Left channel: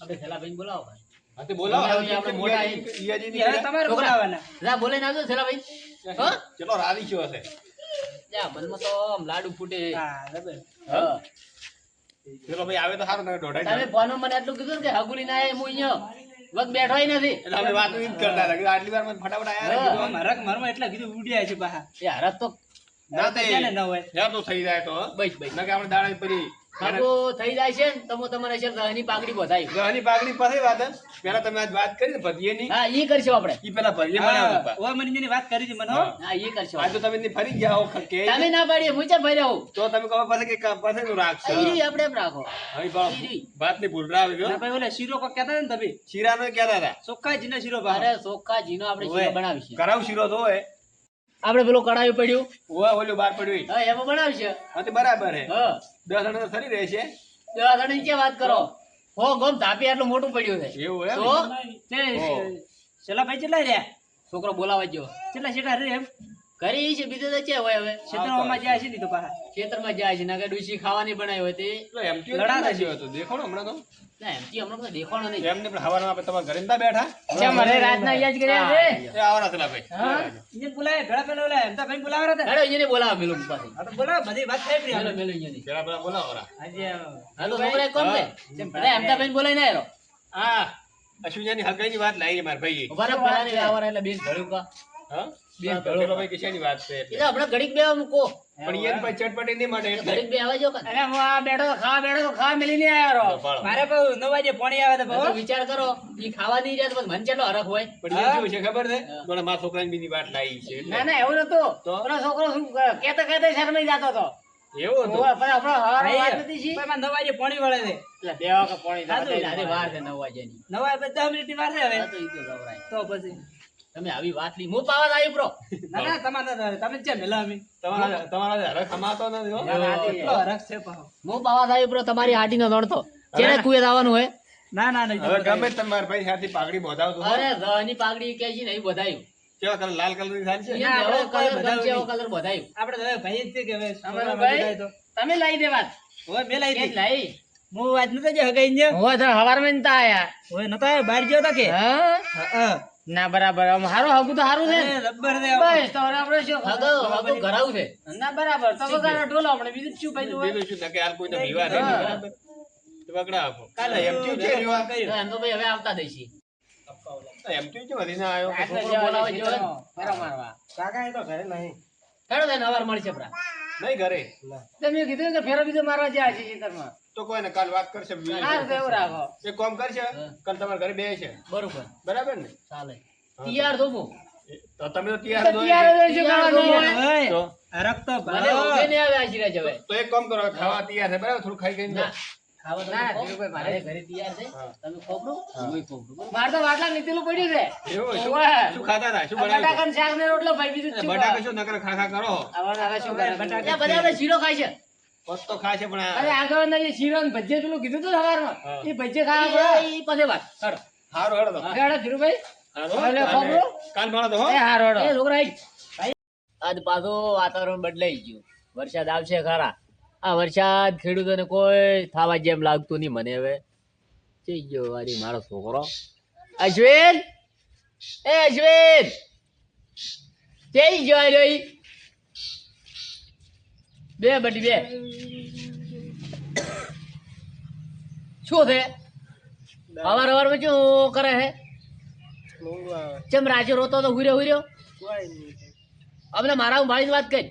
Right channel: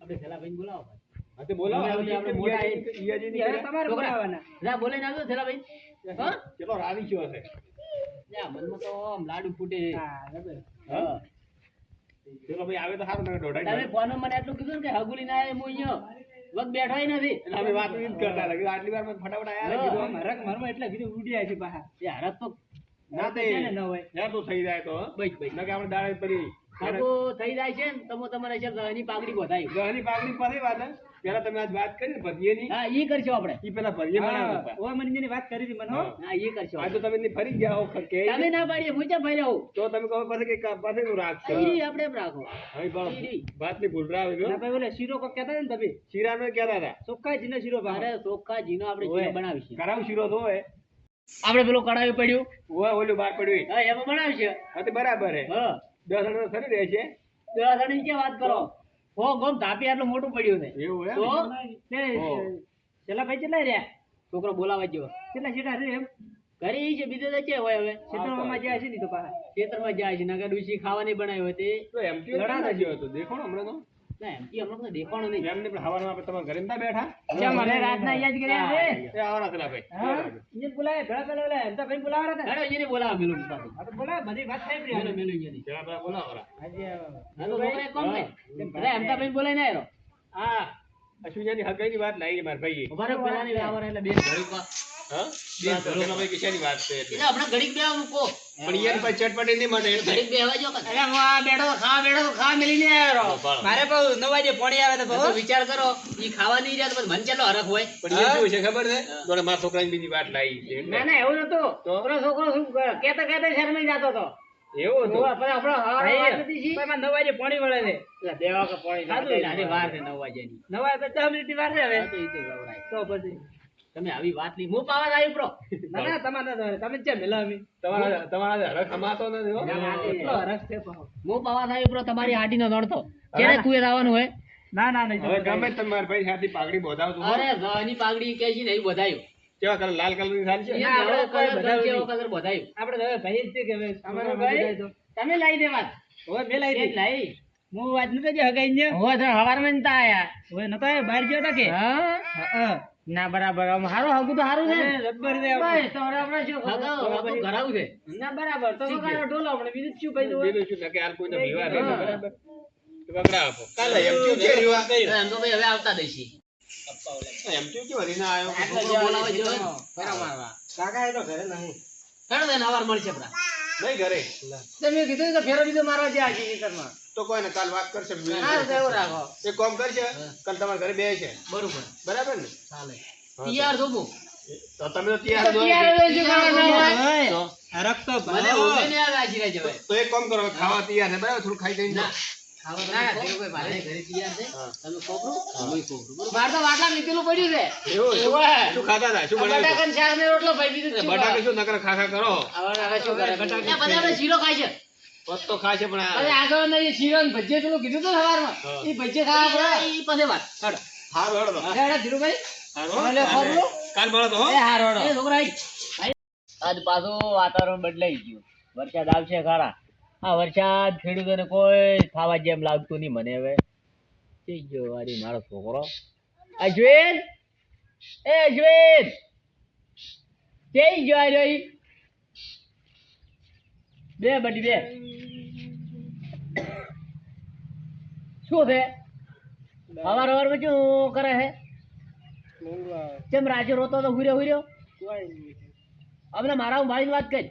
આપણે થેલાભાઈને બોલાવો ભાઈ. હા તે બોલાવો આપણે મોટા તમારે બોલાવાના. લા બોલે ના દો થેલાભાઈ. હા? ચલો રાવી છો હશે યા મનમાં તો આમ લાડુ ફૂટે. હા બરાબર. હા. ચલો ભાઈ આવે તો સારું તમે તમે દોઢાઈ ફોનમાં મને એટલું કીધું ને કે હગુલી ના આય, હું અહીંયા વખત બેઠોય નથી. એટલે અમે વાત ઈ જ કરતા હતા કે આટલી વાર ફટાફટ આયા હા. કીધું મારા મારમાં એટલા કીધું ઉડ્યા છે પાછા. એ હરખ તો ના તે છે ને ન હોય. યાર તો થઈ જાય તો બસ બસ. ના કે આપણે દાડા પરી હગો થઈ જાય છે ને તમે તમારા છે દહની પાઘડી બધાય. ગહની પાઘડી પાસે વાત હે. પેલા તમે આજ વાત કરી ને ભજીયેની હા ઈ કરશો આપણે. ઈ પેલા ભજીયે બનાવ્યા હતા. ઓય મને જેની વાત કરી હતી મને હો. હા ઈ કરશો. આજ તો તમે એની ફરી ગયા હો કે તમે ના પાડીએ હું ચા ભર્યા હોઉં. તો તમે કહો પાસે કે પાસે નું રાખશો ઈ આપણે એમ રાખો. હવે વાત ની ભૂલ રાવ ગયો ના ભાઈ ઓલે શીરો કો કહેતા હતા ને તમે. શીરાનો કહેતા હતા ચોખ્ખા જીનો શીરો ભાવ. અરે ચોખ્ખા જીનો આપણે ઓય. શીરો બનાવીશું. કરાવ શીરો તો હોય આપણે પેલું કડાયું પડ્યું ઓય ઓલું બાર પડ્યું હા એમાં બનાવશે. હા તે બરાબર હે હા 10 જણા તો ફરી રહે છે દવા ધણી કે વાત કરો. હો ગમ ધાપી આટલું મોટું પડ્યું છે. એવું હે તો તે ઓહ. છેલ્લા ભાઈ કેટલા રહ્યા? છોકરો બોલાવા જો કેટલા શેઠા રે એમ? કરી છે બીજું તો છે હોય હવે ક્ષેત્રમાં જ્યાં છે ને તો પાછા. ખેતરમાં જાય છે નગર ડુસી ખાવાની બનાવી હોય તે તો એમ કે લડા લડા છે. હતો દેખો ને હમણાં તો ના એમ હમણાં કોઈ દેખાણો નહીં. એમને પણ હવારમાં આપણે તમારા ઘરે નતા બેઠા કેમ મને રાતના યાદ કર્યા છે. એ આવરા થલા ભાઈ હા. ઇન્જન બોલાવે ભેળા પેલા ઓલા એમ તો ભાઈ બોલાવરા હતા. હેડો એને બોલાવો પેલું પાસે. આ તો બોલાવે બધી વાત થઈ રહી મેલો આપણે. મેલો અહીંયાથી. પેલા પેલા બોલાવરા આજે હાલો છોકરા એક કામ કરે. અરે એમ તો બેન બોલાય ના હેરો. આ અશ્વિનની હલકાઈની વાત લાવી મારા ભાઈએ ઉભા રહો પેલાની આવવાના એટલે બેન ઘડીક વા. હા બેન પેલો ભાઈ કિશાની વાત છે એટલે એટલે આપણે ઘડીક બેવા મૂકો. પણ યાર પછી ચટપટી નહીં માટે એટલે ઘડીક બેવા જો કે. અરે હું આ બેઠો તો ખાવા મેલીને આવ્યો રહો. પાડો. મારે પાછું 9 વાગે પોણી આવે તો તો બહુ. વિચાર કરો ઈ ખાવા નહીં રહ્યા તો મન કેટલો હરખ હોય. પણ એ શું છે ખબર છે જોડે મારા છોકરાની બીજી વાત લાવી છે એટલે. ના ના એવું નતું. તો? પેલો છોકરો શું કહેતા કહેતા શરમાઈ જતો હતો. એવું હતું ઓય, પછી આપણો હવારે ભાઈ, વાત નથી છી. ભાઈ, મારે 9 વાગે પોણી વળે છે. એટલે બે વાગે પોણી આ તો ખાધું. નાની વાર છે 9 વાગ્યાની. 9 વાગે 10 મિનિટની વાર છે હવે. આ તો ઈ તો જવરાય. તો પછી તમે આવી વાત લી હું પાવા આવી પ્રો. ના ના તમારે તમે જ મેલા અમે. તમારા હરખ અમાતો નથી હો ના, ના, કેટલો હરખ છે પાછો. હું પાવા આવી પ્રો તમારી હાટીનો નડતો. ચેને કુએ આવવાનું હોય. ના ના નહીં હવે ગમે તે તમારા ભાઈ સાથે પાઘડી બોધાવતું હોય અરે ગની પાઘડી કે છે નહીં બધાયું. કેવા કલર લાલ કલરની થાય છે ના, આપણે કોઈ બધાયું જેવો નહીં. કલર બધાયું. આપણે તો હવે ભાઈ જ છે કે હવે અમારો છોકરામાં ભાઈ? બધાય તો. તમે લાવી દે વાત. હવે બે લાવી કે દે. લાઈ. હું વાત નતો જે હગાઈ ને. હોવા તો હવારમાં નતા આયા. હવે નતો આવ્યો, બહાર ગયો તા કે. હા? હા. ના બરાબર આમ હારું હગું તો હારું છે ને. અરે, રબર દે આપણે. બસ તો હવે આપણે શું હગું ઘરાવું છે. ના બરાબર તો વગાડો ઢોલો આપણે બીજું શું ભાઈ જોવે. બીજું શું કે હાલ કોઈને વિવાહ હા. નહીં બરાબર તો પકડા આપો કાલે એમ કેવું છે વિવાહ તો એમ તો ભાઈ હવે આવતા દઈશી. એમ કેવું છે વરીના આવ્યો આટલે છોકરો જવા બોલાવે દે છે તો. ફેરા મારવા. કાકા એ તો ઘરે નહીં. હેડો તેને હવાર મળશે પ્રા. નહીં ઘરે તમે કીધું કે ફેરો બીજો મારવા જાય છે ખેતરમાં. તો કોઈ ને કાલ વાત કરશે હારું તો એવું રાખો. એક કામ કરશે કાલ તમારા ઘરે બે છે બરોબર બરાબર ને ચાલે. હા, તૈયાર છો હું. તો તમે તો તૈયાર જ હોય. ત્યારે શું કરવાનું તૈયાર હોય? તો હરખ તો મને ભાવ. ઊંઘે નહીં આવે આશીર્વાદ જવાય. તો એક કામ કરો ખાવા તૈયાર છે બરાબર થોડું ખાઈ કરીને ના. જાઓ. ખાવા તો ના, ખાઓ. ધીરુભાઈ, મારે ઘરે તૈયાર છે. હા. તમે ખોપરું, હુંય ખોપરું. બરોબર? મારે તો વાટલા નીચેલું પડ્યું છે. એવું શું ઓવે. શું ખાતા હતા શું બનાવ્યું હતું? બટાકાનો શાક ને રોટલો ભાઈ બીજું શું બટાકા ખાવા? શું નકર ખા કરો આવા નાના શું કરે બટાકા? ત્યાં બધા એને શીરો ખાય છે. પત તો ખાશે પણ અરે આ- આગળ ના જે શીરો ને ભજીયા પેલું કીધું તું સવારમાં. હા. એ ભજીયા ખાવા પડે. ઈ પછી વાત. હાલો. હારું હેડો તો. હેડો ધીરુભાઈ. હારું. ભલે ખબરો? કાલ મળો તો હો એ હારો હેડો. એ છોકરા આઈ. આજ પાછું વાતાવરણ બદલાઈ ગયું. વરસાદ આવશે ખરા. આ વરસાદ ખેડૂતોને કોઈ થવા જેમ લાગતું નહીં મને હવે. જઈ ગયો વારી મારો છોકરો. અશ્વિન એ અશ્વિન જઈ ગયો આ રહ્યો ઈ. બે બટી બે શું છે અવાર અવારમાં શું કરે હે ચમ રાજે રોતો તો હુર્યો હુર્યો અમને મારા ભાઈ વાત કરી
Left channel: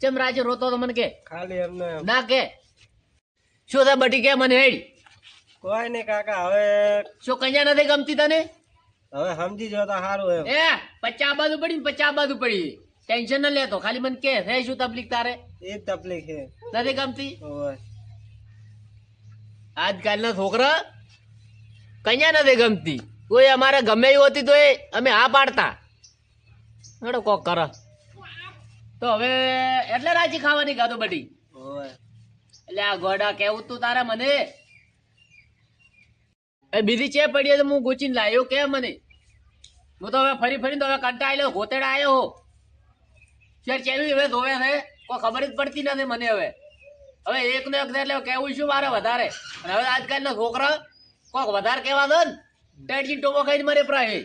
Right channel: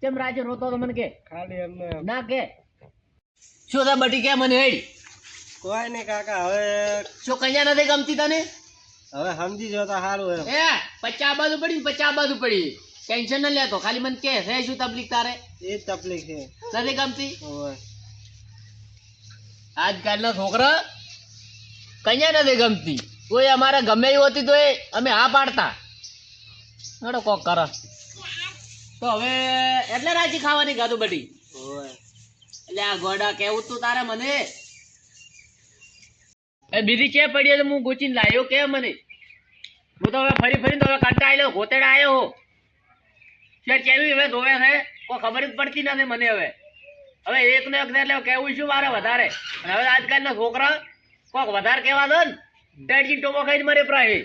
ચમ રાજે રોતો તો મને કે ખાલી એમને ના કે શું થાય બટી કે મને હેડી કોઈ નહીં કાકા હવે શું કન્યા નથી ગમતી તને હવે સમજી જો તો સારું એમ. એ 50 બાજુ પડી ને 50 બાજુ પડી ટેન્શન ન લેતો ખાલી મને કે હે શું તકલીફ તારે એ તકલીફ છે. નથી ગમતી ઓય. આજકાલના છોકરા કન્યા નથી ગમતી કોઈ અમારે ગમે એવું હતી તો એ અમે હા પાડતા હેડો કોક કરો તો હવે એટલે રાજી ખાવાની ખાધું બધી ઓય. એટલે આ ગોડા કેવું તું તારે મને એ બીજી ચે પડી તો હું ગોચીને લાવ્યો કે મને હું તો હવે ફરી ફરીને તો હવે કંટાળ્યો ગોતેડા આવ્યો હો શેર કેવી હવે ધોવે છે કોઈ ખબર જ પડતી નથી મને હવે એક ને એક એટલે કેવું શું મારે વધારે અને હવે આજકાલના છોકરા કોક વધારે કહેવા દો ને ટેડજી ટોમો ખાઈને મરે પ્રાય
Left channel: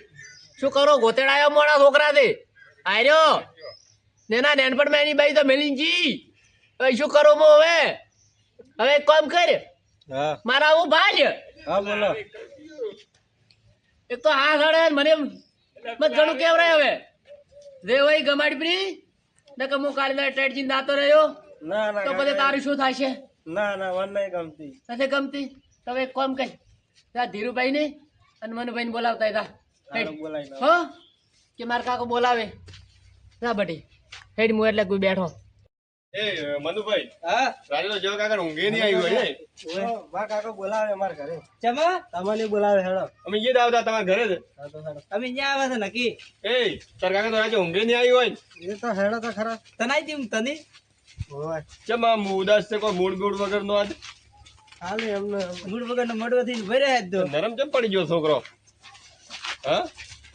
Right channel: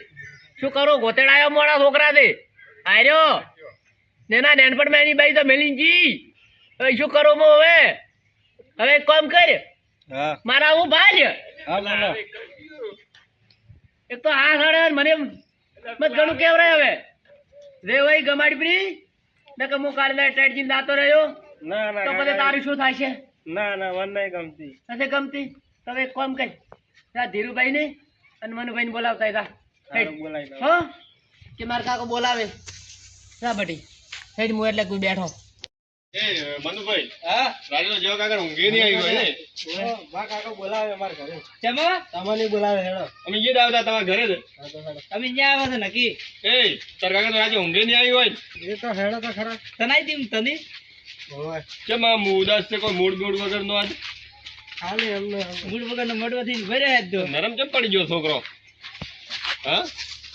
શું કરો ગોતેડાયો મોડા છોકરા દે આર્યો નેના નેનપણ એની બાઈ તો મેલીનજી હવે શું કરું હું હવે એક કામ કર હા મારા હું ભાજ હા બોલો એક તો આ સાડે મને મત ઘણું કેવરાય હવે રે વઈ ગમાડી પ્રી નકર હું કાલે ટેડજી દાતો રહ્યો ના ના તો પછી તારું શું થશે ના ના મને નહીં ગમતી નથી ગમતી તમે એક કામ કઈ ત્યાં ધીરુભાઈ ને અને મનુભાઈ ને બોલાવતા હતા હારું બોલાય દો. હો કે મારા કાકો બોલાવે ના બટી હેડ હું એટલે કોઈ બેઠો એ મનુભાઈ હા રાજનો જેવો કાકા ઊંઘે નહીં આવ્યો હોય ને બા કાકો બોલાવે અમારા ઘરે ચમા તમને બોલાવે હેડો અમે ઈદ આવતા તમારા ઘરે જ અમે ત્યાં આવે છે નક્કી એ તાર કાકા તો રાજે ઊંઘે નહીં આવ્યો હોય એ તો હેડો તો ખરા તનાઈ દી તને ચમ આમ ઉદાસ છે કોઈ મૂડ મૂડ વગર નો આજ ખાલી અમને મૂડ વગર નો મોડવાથી ભર્યા જ તો નરમ ચમ પડી ગયો છોકરો હા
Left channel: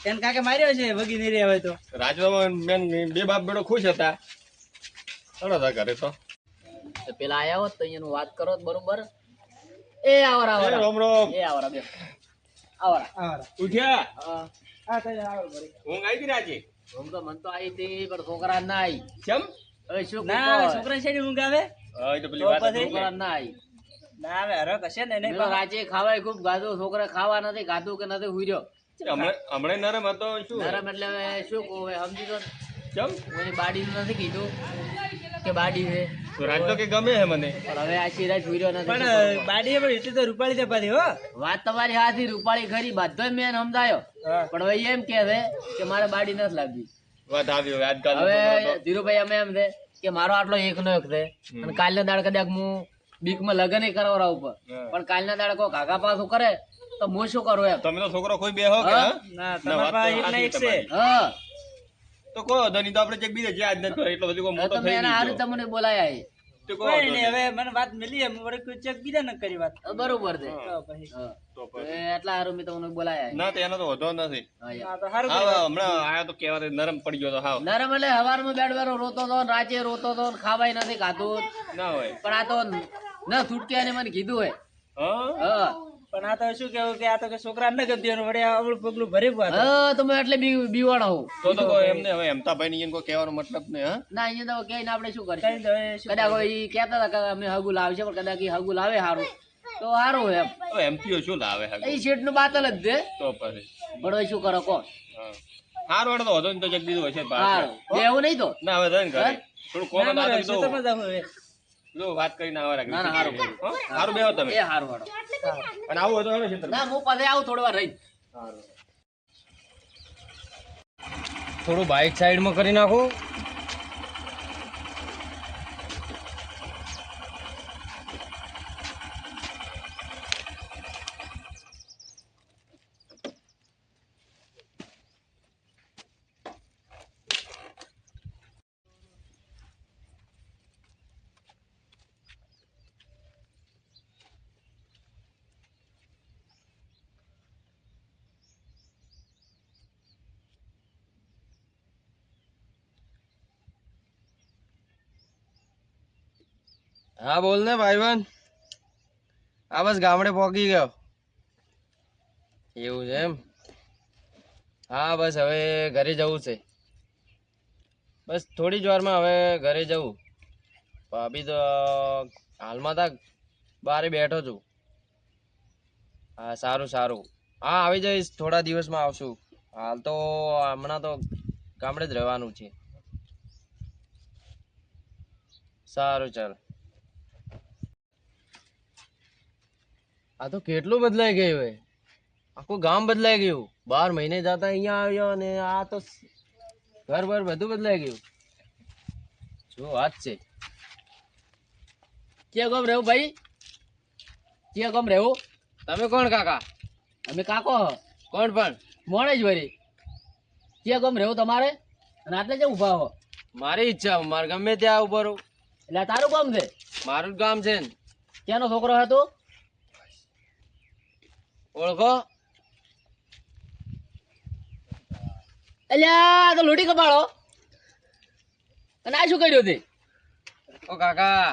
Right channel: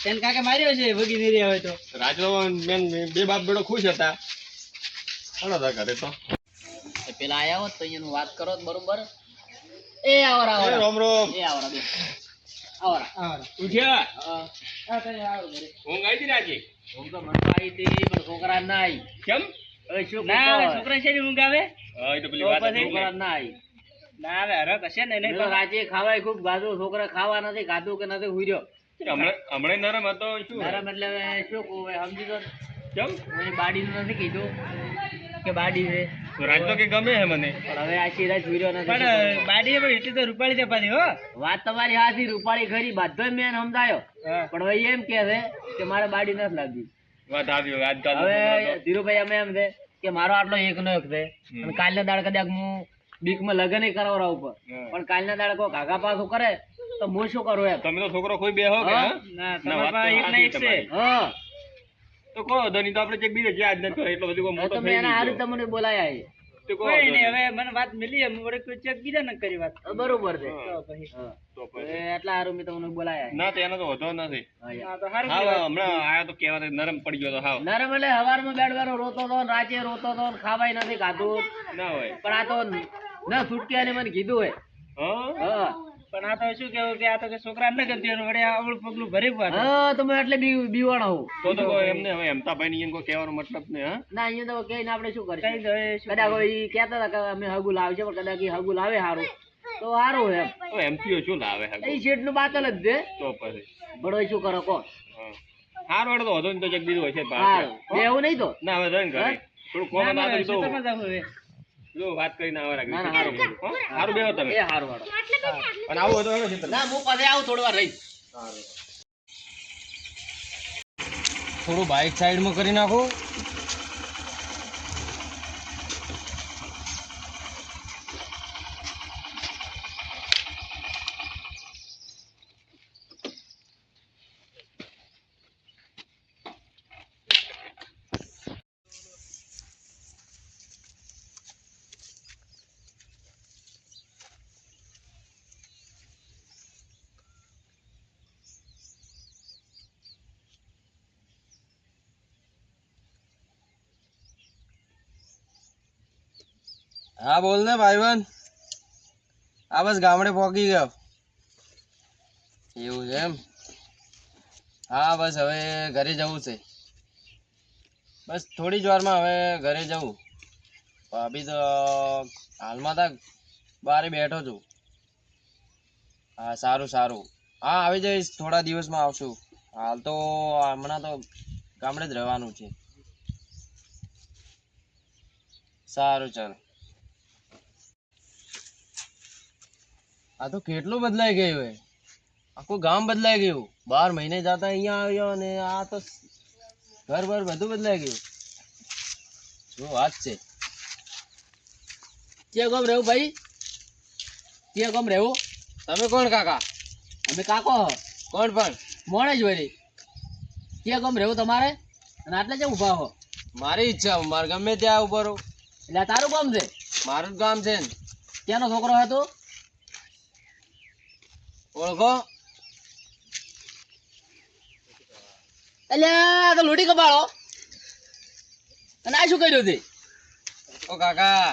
એને કાકે માર્યો છે વગી નહીં રહ્યા હોય તો રાજનો મેન બે બાપ બેડો ખુશ હતા ઘણો હતા ઘરે તો પેલા આયા હોત તો અહીંયાનું વાત કરો તો બરોબર એ આવરા એ આવરા રોમ રોમ એ આવરા બે આવરા આવરા ઉઠ્યા હા તો આવો ઘરે ઊંઘ આવી હતી રાજે હું તો મન તો આવી હતી પણ છોકરા ના આવી કેમ હવે શું ના આવે છોકરા છે ને ઊંઘ આવે હા એ તો પેલી તો વાત પછી હતી. છોકરા ના આવી ના આવે હરક હશે ને નહીં મેં રાજે ખાવાય ખૂબ ગાધું છોકરા ખાવા નથી ખાધું કે નથી હુર્યો હમણાં નરમ હતો શું નરમ એટલે હવે શું કહું હવે સમજી દો ને. કેમ કોઈની બાડીનું નથી કીધું કે બાડી છે તો રાજ તો કે ગમે હે મને પણ હવે આ સિરાજ હુર્યો નથી શું પણ કરું? બાડીએ પણ એટલી તો રૂપાળી દે પાછી હો વાત તમારી હાથી રૂપાળી ખરી બધોય મેં સમજાયો પણ હવે એમ કે છે કે મારે બાડી નથી લાગી વાત આવી હોય આજકાલ હવે ધીરુભાઈ અમે એમ છે કે મારો આટલો એકનો એક છે અને કાલના દાડ કદાચ હું બીકમાં લગન કરાવરા ઉપર પણ કાલના દાડ કોઈ કાકા પાછું કરે તો હું શું કરું એમ તમે તો છોકરો કોઈ બે હો કે હા? હા? ના ના, તમારા વાત પાસે તો એક ના એક સાચી છે તમારી. હા તો કોઈ વાંધો નહીં તો આપણે ચેક બીજે જ્યાં આજ નથી એટલો બધો કોઈ હવે મોટો તમે થઈ એના હારું ગયો તમને બોલાયા છે. તો કોઈ કોઈ વાંધો નહીં નહીં. હવે મને વાત મળી એમ વડે કોઈ ચેક બીજા ન કરી વાત બરોબર છે તો પછી હા. તો તો પછી. એટલા હારું મેં તમને બોલાયા છે. ના તો એનો તો વધો નથી હા, યાર. હા તો સારું હા કહેવાય. હમણાં આયો તો કહેવા નરમ પડી ગયો તો હાવ નરમ એટલે હવારમાં બેડવારો રોતો હતો ને રાતે રોતો હતો ને ખાવાય નથી ખાધું ના હોય પણ આ તો ન છૂટકે અને મને કીધું હોય હા હા પણ આ તો શું કેવું કે આ તો કે છોકરા ન ગમતી એનું વડે આવડું પગલું ભરી વાત હા તમે એટલે બીવાણો હું તો કોઈ એમને હવે હેમતાભાઈ ની કોઈ કહેવાનો મતલબ નહીં હા ના અહીંયા તો કહીને આપણે શું કઈ કરીશું તો એ શું કદાચ કોઈ કહેતા હતા કે અમે હગુ લાવશે પણ કદાચ ઈ હગુ લાવે સારું તો સારું એમ હવે એમપીઓ શું લાવે હે એ શેઠ નું બાતલ જ છે તો પછી પણ હવે શું કરો કોણ હા હાર વાળો તો વધો ને તો જગ બીજું હશે જ પાછું. સારું એવું નહીં તો ના હવે જઈને ઘરે થોડું કોમ ના તો ખેતરમાં જાવ હવે જો વાત કરીને આવા ના ના સારું કર્યું હા હારું બેહો તમે એ સારું હારો અને આવું હતું હવે ખેતરમાં. ના હું પછી આવું થોડી વાર રહી થોડું બાઇક સાઈડમાં કરી નાખું હા બોલ ને ભાઈબંધ આ બસ ગામડે પહોંચી ગયો એવું છે એમ હા બસ હવે ઘરે જવું છે બસ થોડી જ વારમાં હવે ઘરે જવું ભાભી તો હાલમાં તો બારે બેઠો છું હા સારું સારું હા આવી જઈશ થોડા દિવસમાં આવશું હાલ તો હમણાં તો ગામડે જ રહેવાનું છે સારું ચાલ આ તો કેટલું બદલાઈ ગયું હે આખું ગામ બદલાઈ ગયું 12 મહિને જતા અહીંયા આવ્યો ને આ તો ઘર બર બધું બદલાઈ ગયું શું વાત છે ક્યાં ગામ રહેવું ભાઈ ક્યાં ગામ રહેવું તમે કોણ કાકા અમે કાકો હ. કોણ પણ મોડે જ વળી ક્યાં ગામ રહેવું તમારે અને આટલે જ ઊભા હો મારી ઈચ્છા મારે ગમે ત્યાં ઉભો રહું એટલે આ તારું ગામ છે મારું જ ગામ છે ને ક્યાંનો છોકરો હતો ઓળખો અલ્યા તો લોટી કપાળો અને આ શું કર્યું તે ઓ કાકા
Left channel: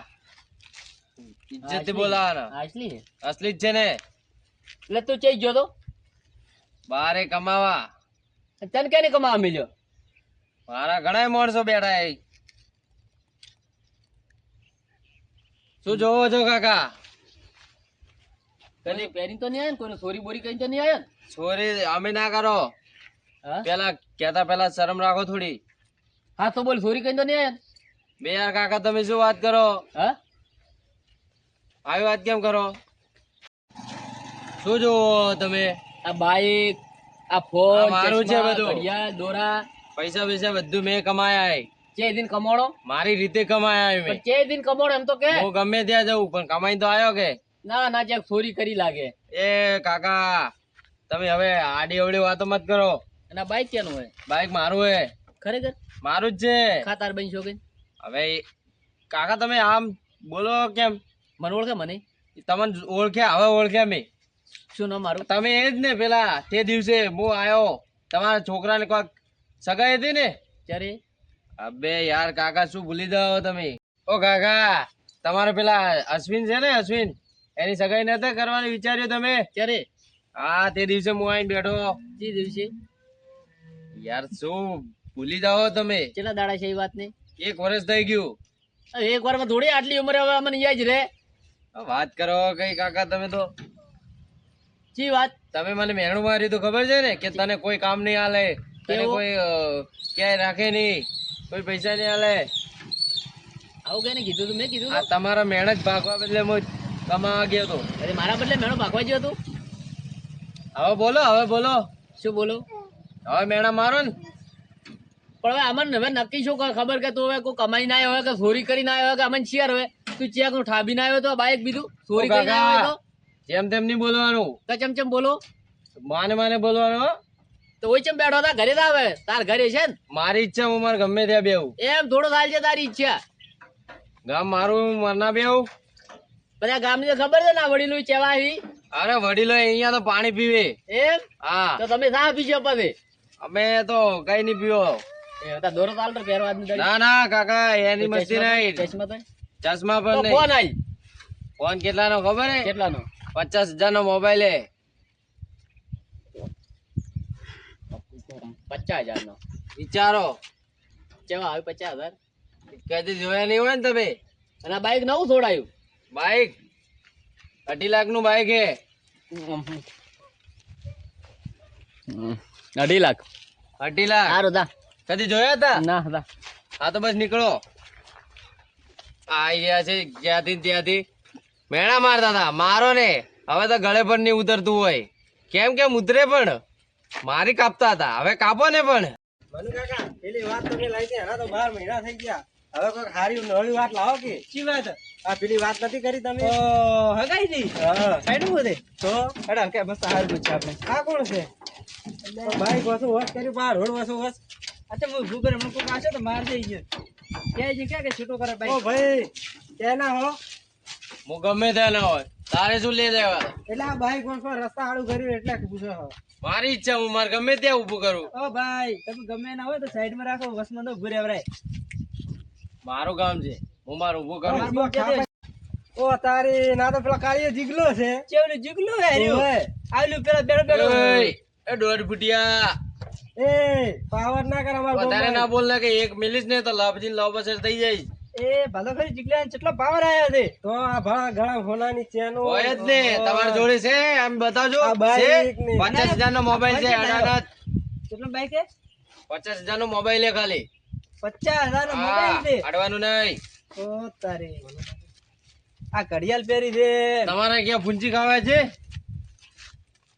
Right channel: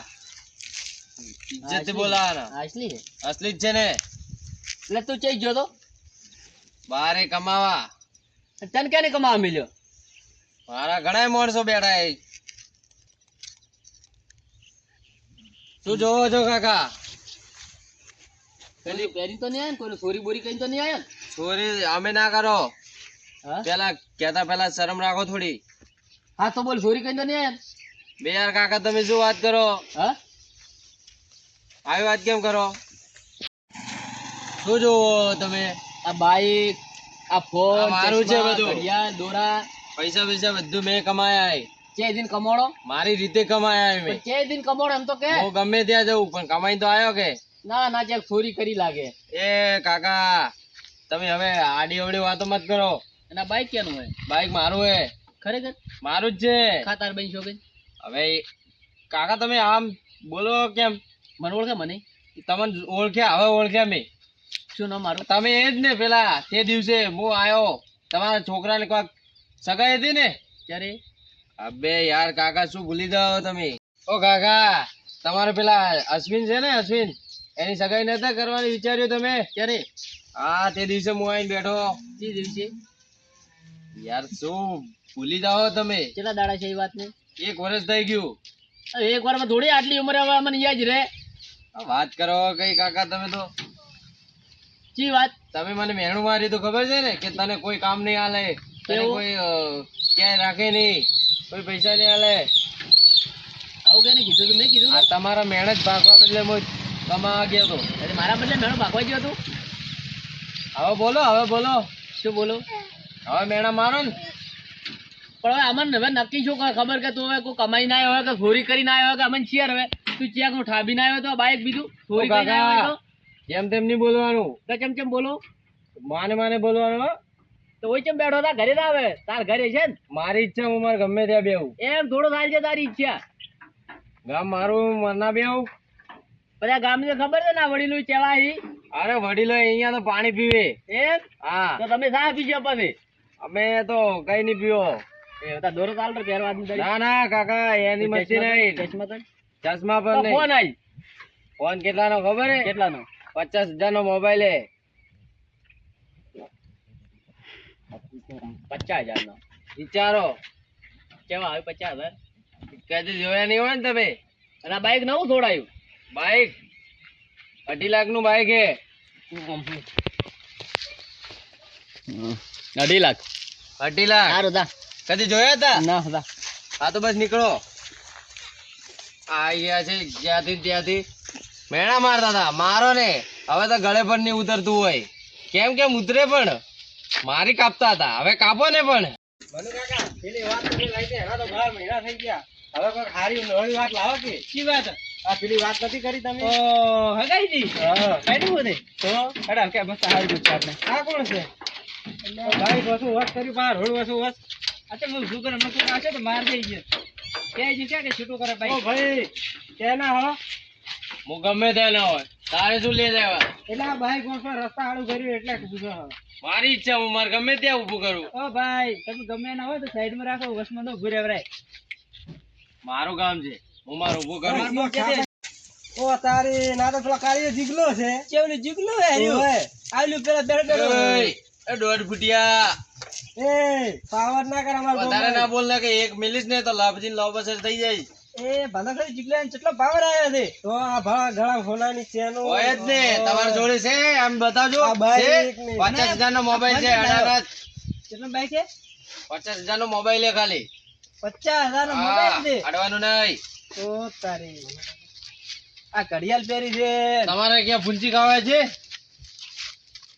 ઇજ્જત થી બોલાવાના આટલી છે અસલી જ છે ને એટલે તું ચઈ ગયો તો બારે કમાવા. તને ક્યાંને કમાવા મળ્યો? મારા ઘણા માણસો બેઠા છે. શું જોવો છો કાકા? કોઈ પહેરી તો નહીં આવ્યો ને? કોઈને સોરી બોરી કઈ તો નહીં આવ્યો ને? ચોરી અમે ના કરો. હા પેલા કેતા પેલા શરમ રાખો થોડી. હા તો બોલ, સોરી કઈ તો નહીં આવ્યો ને? બે યાર કાકા તમે શું વાત કરો? હા આવી વાત કેમ કરો? શું જોવો તમે? આ બાઈક, આ ફોન, આ મારું છે ચશ્મા, બધું. ઘડિયાળ, દોરા, પૈસા પૈસા બધું મેં કમાયા છે. ચે દિન કમાડો? મારી રીતે કમાયા છે પણ મેં. ચે દિન કમાડો એમ તો કે. હું ગમે ત્યાં જઉં પણ કમાઈ તો આવ્યો કે. ના ના, જ્યાં ચોરી કરી લાગે. એ કાકા તમે હવે આડી અવડી વાતો મત કરો. અને આ બાઈક કેનું હોય? બાઈક મારું હે. ખરેખર? મારું જ છે. ખાતાર બની છો કે? હવે કાકા તમે આમ બોલો કેમ? મને ઓળખે? મને તમને ઓળખ્યા, હવે ઓળખ્યા મેં. શું નામ મારું? તમે એ જ ને પેલા તે દિવસે હું આવ્યો તમારા છોકરાને કોઈક સગાઈ હતી ને? ત્યારે અબે યાર કાકા શું ભૂલી જાઓ તમે? ઓ કાકા તમારે પેલા અશ્વિન છે ને, અશ્વિન, એની સગાઈ નતા કરવાની વિચાર્યું તમે? ત્યારે હા તે દિવસે હું આવીને બેઠો. જે દિવસે યાર શું ભૂલી જાઓ તમે? કેટલા દાડા છે એ વાત ને? 1 વર્ષ થઈ ગયું. હવે એક વારમાં થોડી આટલી ઉંમરે હવે મને યાદ રહે? આ વાત કરો કઈ કાકા તમે તો. ચી વાત? તમે મને મહેણું માર્યું તો ખબર છે ને કે તને કોઈ કામ નહીં આલે, તને કેવું? કોઈ ક્યાંય રાખે નહીં, કોઈ પૈસા નહીં આલે. આવું કઈ નહીં કીધું તું? મેં કીધું આ તું? તમારા મહેનત ભાગવા બદલે હું કમાવા ગયો તો. અરે મારા બદલે મેણો ભાગવા ગયો તું? હવે બોલો, હવે બોલો, શું બોલો? હવે મેણા મારો ને. પણ હવે અમને હવે નક્કી શું ખબર કે તું હવે કોઈ કમાઈ ના આવ્યો હોય કે ચોરી કરીને આવ્યો હોય કે અમને શિયાર હવે તું ચિયા કોઈ ઠાબી ના આવ્યો તો બાઈક બીજું ચોરી કરીને આવ્યો હોય તો? જેમ તેમ નહીં બોલવાનું, કે ચમ બોલો? માને માને બોલવાનું હો. તો ઓય ચમ બેઠો હતા? ઘરે જ આવે, તાર ઘરે છે ને? મારી ઈચ્છા હું મારે ગમે ત્યાં બેહું. એમ થોડો થાય છે તારી ઈચ્છા? ગામ મારું મરના બેહું. બધા ગામની તો ખબર છે ને આ વડીલો ચેવા હી? અરે વડીલો અહીંયા તો પાણી પીવે. એમ? હા તો તમે શા પીશો પછી? અમે તો કઈ નહીં પીવો. એ બધા દોરો ચાલતો પહેરવા આજની તારીખ. ના ના કાકા એની મસ્તી નહીં. ચશ્મા તો? ચશ્મા તો પણ ફોન નહીં. આઈ ફોન કેટલાનો ખબર હે? કેટલાનો? 50,000 નો મોબાઈલ હે. 50,000 નો? વિચારો. કેવા આવે 50,000? કદી જોયા નહીં હોય ને તમે. અને આ બાઈક નવું છોડાયું? બાઈક 2.5 લાખ નું બાઈક હે. 2.5 લાખ? 2.5 લાખ. સારું તા. કદી જોયા હતા? ના તા. હા તો બસ નીકળો. આઈ ગયા છે જ્યાંથી ને ત્યાંથી મેણા મારતા હતા. મારો ને હવે તો ગળે પણ નહીં ઉતરતું હોય. કેમ ઉતરે પણ મારી કાપતા હતા, હવે કાપો ને પણ. મનુ કાકા પેલી વાત તમે લઈ દે, એના તો 12 મહિના થઈ ગયા. હવે કોઈ સારી નવી વાત લાવો કે. શી વાત? આ પેલી વાત નથી કરી તમે? ઓ હગાઈ દી. હા કઈનું બોલે તો અડા કે મસ્ત હારી પૂછ આપણે. આ કોણ છે? ભાઈ વસુ વાત કરી બહાર રોડ વસુ વસ. આ તો હું શું કરે મને કોઈ આશે તો માર થઈ ગયો. કે જે કે છૂટો કરે ભાઈ. ઓ ભાઈ કેના હો? હું ગમે ત્યાં ના હોય, તારે શું લે દેવા? એટલે આ ભાઈ કોણ રસ્તા આડું કર્યું એટલે પૂછો. મારી ઈચ્છા, હું મારે ગમે ત્યાં ઊભું કરું. ઓ ભાઈ તમે ગમે ના હોય તો સાઈડમાં રાખો, વસમાં તો ઉભું રહેવરાય. મારું કામ છે, હું મારું ઊભું કરું. ઓ તારી ના તો પેલા કાળીયો જીગલો છે. કેવલી જીગલો હે રહ્યો? આલ્યું પેલા બેડો એ 1.5 ફૂટિયા એ પાવર ના કર અમાર વધારે ના બોલ ને કે એક મિલીશ ને તો લાભજી લાવ બસર થઈ જાય. એ ભલો ખરી જીગલા ને કેટલો પાવર આવ્યો છે. તો આ ભા ઘણા સોનાની ચેનો હોય જ ને તમારી જોડે છે, આમ બતાવજો. આ બાઈક છે? ને 50,000 નો મોબાઈલ છે. અડાગત કેટલો બાઈક છે? 50,000 નો મોબાઈલ છે ખાલી. 50,000 નો મોબાઈલ છે. અડવાનું નહીં. તો તારી આ ઘડિયાળ પહેરી છે. તમારે ક્યાં ફૂંચી ખાવા છે?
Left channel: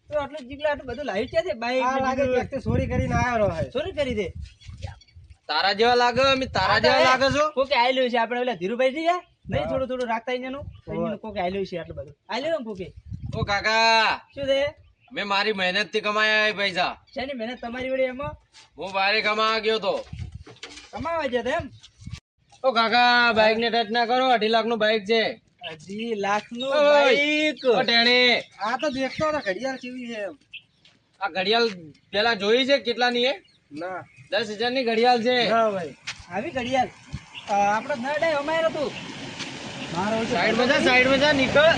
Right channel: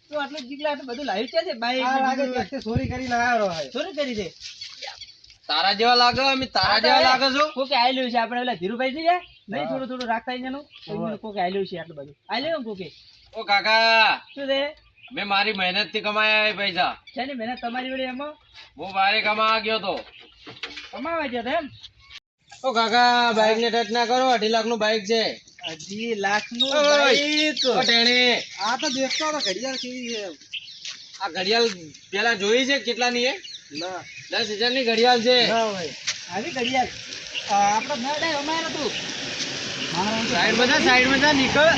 તો આટલું જીગલા આટલું બધું લાવ્યું છે બાઈક લાગે છે. ચોરી કરીને આવ્યો છે. ચોરી કરી છે. તારા જેવા લાગે, અમે તારા જેવા લાગે છો. કોકે આલ્યું છે આપણે પેલા ધીરુભાઈ થી નહીં થોડું થોડું રાખતા અહીંયાનું કોકે આલ્યું છે આટલું બધું આલ્યું કોકે. ઓ કાકા શું છે? મેં મારી મહેનત થી કમાયા એ પૈસા. શેની મહેનત તમારી વડે એમાં હું બહાર કમાવા ગયો તો. કમાવે છે એમ? ઓ કાકા બાઈક ને ટચ ના કરો, 2.5 લાખ નું બાઈક છે. 2.5 લાખ નું ઓય! બાઈક. ઓ ટેણી, આ તો દેખતો હતો ઘડિયાળ કેવી છે એમ. આ ઘડિયાળ પેલા જોઈ છે કેટલાની હે? ના 10,000 ની ઘડિયાળ છે. ના ભાઈ આવી ઘડિયાળ આપણે ના ડાય અમારે તું મારો સાઈડ માં જા નીકળ.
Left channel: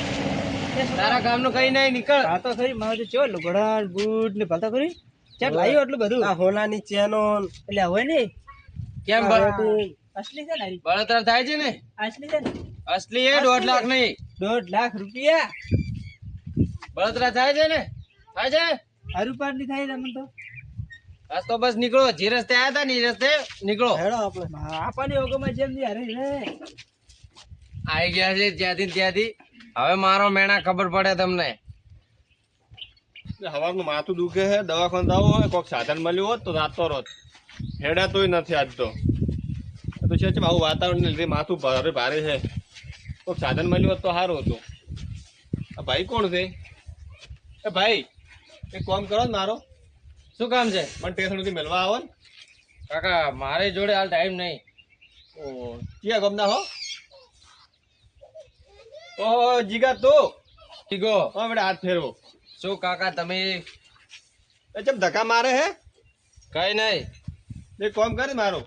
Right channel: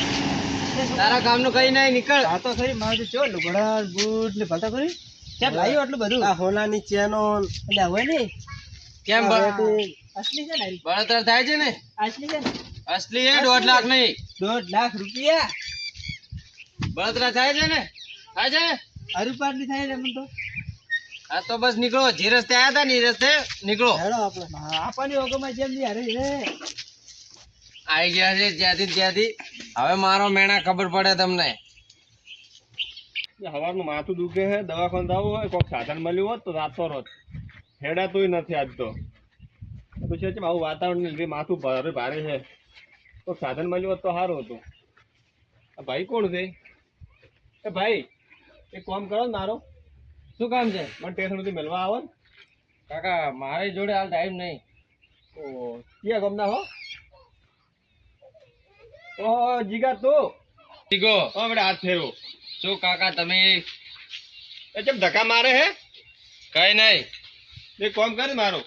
એ તારા કામનું કઈ નહીં, નીકળ. આ તો ખરી મારે ચો લુગડા બૂટ ને ભલતા કરી કેમ લાવ્યો એટલું બધું આ હોનાની ચેનો એટલે હોય ને કેમ અસલી છે ને બળતરા થાય છે ને? અસલી છે ને અસલી એ 1.5 લાખ નહીં, 1.5 લાખ રૂપિયા બળતરા થાય છે ને? થાય છે ને? હરુપાટલી થાય ને મને તો હા તો બસ નીકળો, જે રસ્તે આયા હતા ને એ રસ્તે નીકળો. હેડો આપણે આપવાની ઓગમાં જેમ ની હારે રે આઈ ગયા છે ત્યાંથી. હવે મારો મેણા ખબર પડે તમને. સવારનું માથું દુખે છે, દવાખાને જવું હોય, કોઈક સાધન મળ્યું હોત તો રાતો રોત હેડાતોય નથી આજ તો. આ તો છે આવું વાતાવરણ લીધે માથું ભારે ભારે છે. કોઈક સાધન મળ્યું હોત તો સારું હતું. આ ભાઈ કોણ છે? એ ભાઈ એક કામ કરો ને મારો, શું કામ છે? મને ટેશનથી મળવા આવો ને. કાકા મારી જોડે હાલ ટાઈમ નહીં. ઓ ક્યાં ગમના હો? ઓહો જીગા તું ઠીકો. હા બેટા હાથ ફેરવો. શું કાકા તમે? એ ચમ ધક્કા મારે હે? કઈ નહીં. એક કામ કરે મારો,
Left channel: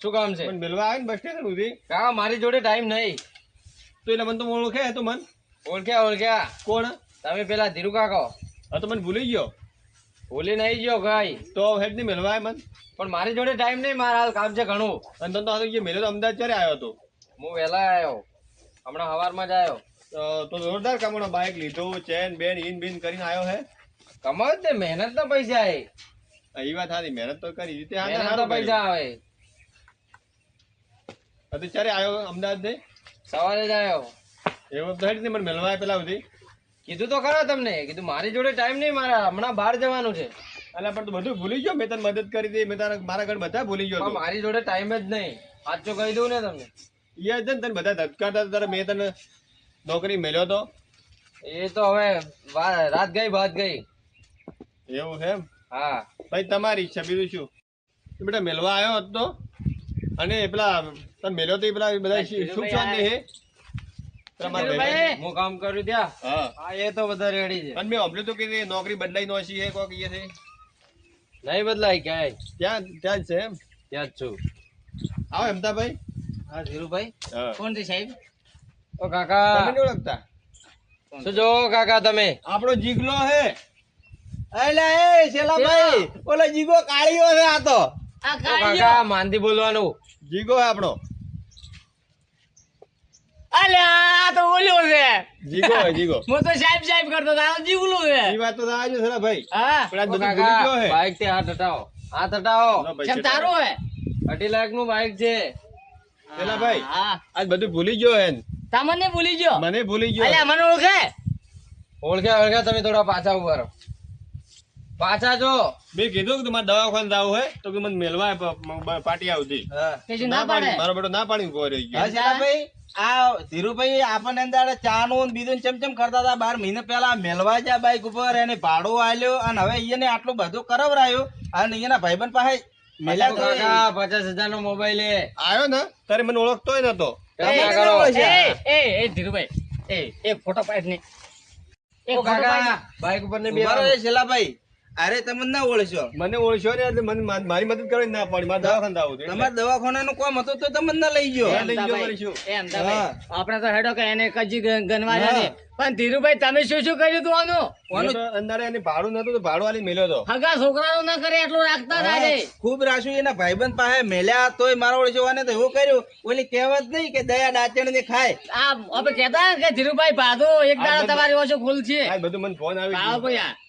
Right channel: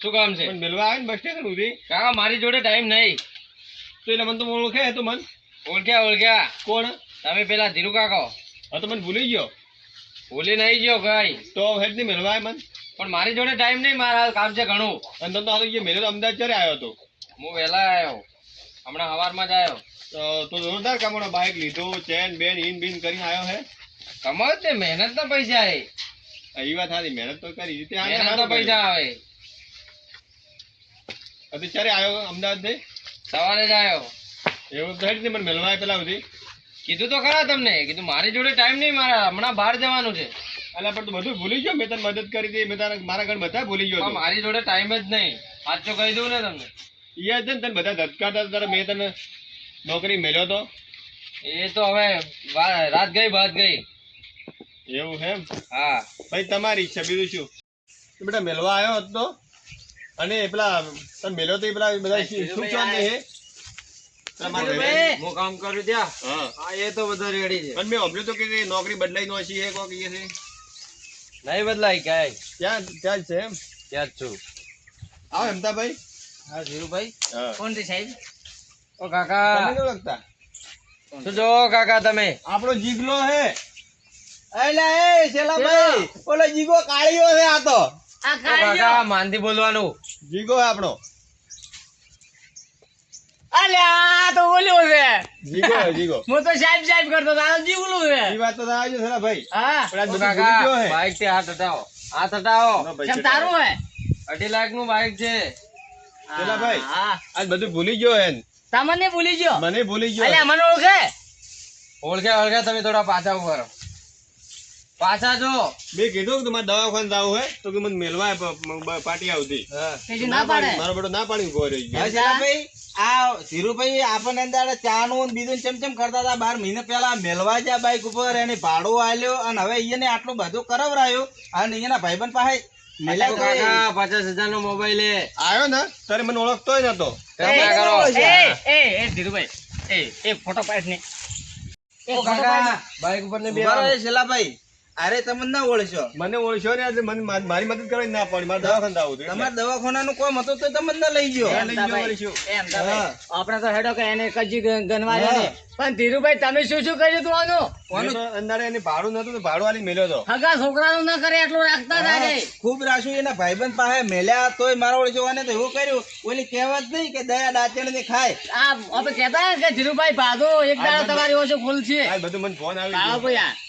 શું કામ છે? મને મળવા આવે ને બસ સ્ટેશન સુધી કાકા મારી જોડે ટાઈમ નહીં. તો એટલે મને તો ઓળખે તો મન ઓળખ્યા કોણ? તમે પેલા ધીરુ કાકા. હા તો મને ભૂલી ગયો ભૂલી નહીં ગયો કઈ, તો હેડ નહીં મળવા આવે મન. પણ મારી જોડે ટાઈમ નહીં, મારા કામ છે ઘણું. અને તો આ તો મેળો તો અમદાવાદ ક્યારે આવ્યો હતો? હું વહેલા આવ્યો, હમણાં સવારમાં જ આવ્યો. તો જોરદાર કમાણો, બાઇક લીધો, ચેન બેન ઇન બિન કરીને આવ્યો હે. કમાવ તે મહેનત ના પૈસા એ. એ વાત સારી, મહેનત તો કરી રીતે મહેનત ના પૈસા આવે. ક્યારે આવ્યો અમદાવાદ થી? સવારે જ આવ્યો. એવું તો હેડ નહીં મને મળવા આવે પેલા સુધી. કીધું તો ખરા તમને, કીધું મારી જોડે ટાઈમ નહીં, મારા હમણાં બહાર જવાનું છે. અલા પણ તો બધું ભૂલી ગયો. મેં તને મદદ કરી હતી, મેં તારા મારા ઘર બધા ભૂલી ગયો પણ હતો. મારી જોડે ટાઈમ જ નહીં, સાચું કહી દઉં ને તમને. યાદ છે ને તને બધા ધટકાતા તારા, મેં તને નોકરી મેળ્યો તો. એ તો હવે રાત ગઈ બાદ ગઈ. એવું છે એમ? હા ભાઈ તમારી ઈચ્છા, બીજું શું. તો બેટા મેળવા આવ્યો હતો અને પેલા તમે મેળ્યો તો એ પેલા બધા સુખ શાંતિ છે? હું કામ કરું ત્યાં. હા હા એ તો બધો રેડી છે. અને મેં સાંભળ્યું તો કે નોકરી બદલાઈ નો છે કોક એ છે નહીં બદલાય ક્યાંય, ત્યાં ત્યાં જ છે એમ? ત્યાં જ છું. આવો હેમતાભાઈ. હા ધીરુભાઈ. હા કોણ છે સાહેબ ઓ કાકા તમે નહીં ઓળખતા? શું જો કાકા તમે? આપણો જીગલો હે. એલા એ શેલાભાઈ ઓલો જીગો કાળીઓ છે આ તો ઓ કાકા માંદી બોલવાનું. જીગો હે આપણો. અલ્યા આ તો ઓલ્યો છે. જીગો હે જીગો. હું તો સાહેબ કરતો તારો જીવલું છે. એ વાત તો આવી છે ભાઈ. હા પણ આજ ઓ બધું ભૂલી ગયો કાકા હે. બાઈક થી હાથ હટાવો, હાથ હટાવો. ના ભાઈ, ચમ તારું હે? 2.5 લાખ નું બાઈક છે. પેલા ભાઈ હા આજ બધું ભૂલી ગયો હે. તમને ભૂલી ગયો? મને ભૂલી ગયો. અલ્યા મને ઓળખે? ઓળખ્યા તમે થોડા પાછા ઉભા રહો. પાછા જો. મેં કીધું કે તમારે દવાખાને જાવું હે તો કે મને મેલવા પાર્ટી આવતી. કીધું ના પાડે. મારો બેટો ના પાડી ઉભો રહી ગયો. હા શેલાભાઈ આ ધીરુભાઈ આપણને અંદર ચા નું ને બીજું ચમચમ કરતા હતા 12 મહિના પહેલા મેલવા જા બાઈક ઉપર એને ભાડું આલ્યો અને હવે એને આટલું બધું કરાવરાયું અને એના ભાઈબંધ પાસે મેલ્યા તો કાકા 50,000 નો મોબાઈલ એ. આવ્યો ને તારે મને ઓળખતોય નતો. કાકા કરો. એ ધીરુભાઈ એ ફોટો પાડ ને. ઓ કાકા બાઈક ઉપર ને બે ઉભા રહો શેલાભાઈ અરે તમે ના ઓળખ્યો મને ઓળખ્યો ને એટલે મને મારી મદદ કરવી ના પડી. મારે દવાખાને જાવું હતું. તમારા દવાખાનાનું કામ હતું તો તમે ના લઈ ગયો લઈ ગયો વળી શું? એમ આપણે તો હેડો કે એને કજી ગણવા નથી. પણ ધીરુભાઈ તમે શું કર્યું તું આનું? મેં તો અંદાડે એને ભાડું નતું તો ભાડું આલી મેલ્યો તો. હગા છોકરાનું ન કરે એટલું રાખતા જ આજે. ખૂબ રાશું એના ભાઈબંધ પાસે મેલ્યા તોય મારા ઓળખ્યો તો એવું કર્યું ઓલી કહેવત નહીં કે દયા ડાચણ ને ખાય આ આપણે કહેતા કે ધીરુભાઈ ભાગો એક દાડો તમારી ઓછો ખુલ છે. આ બધું મને ફોન આવી આવો ગયો. ભાઈ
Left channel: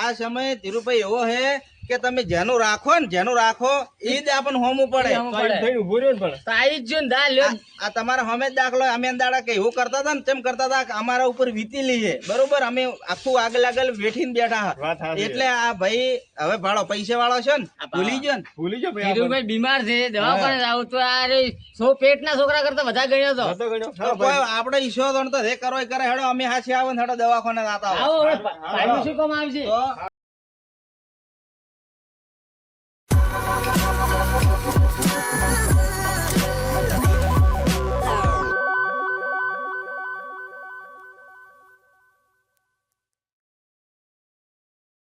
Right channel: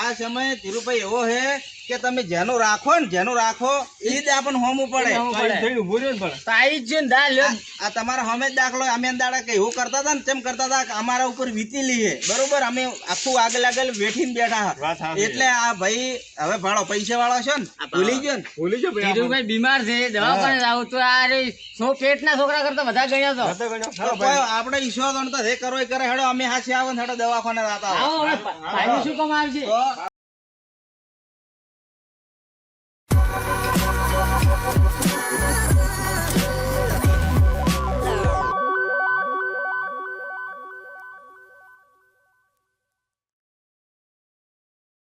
આ સમયે ધીરુભાઈ એવો હે કે તમે જેનું રાખો એ જ આપણને હોમું પડે તો આ થઈને ઊભું રહ્યો ને પણ. તો આવી જ ને દા લ્યો. આ તમારા હમે જ દાખલો અમે દાડા કે એવું કરતા હતા ને તેમ કરતા હતા કે અમારા ઉપર વીતી લઈએ બરોબર અમે આખું આગળ બેઠીને બેઠા વાત સાચી. એટલે આ ભાઈ હવે ભાડો પૈસા વાળો છે ને ભૂલી ગયો ને ભૂલી ગયો ભાઈ. ધીરુભાઈ બીમાર છે દવાખાને આવું તો આ રે પેટના છોકરા કરતા બધા ગણ્યા તો. હતો ગણ્યો. તો કોઈ આપણે ઈશ્વર તો રે કરો કરે હેડો અમે હાથે આવો ને હેડો દવાખાને જતા આવો હવે ભાઈનું શું કામ આવશે? તો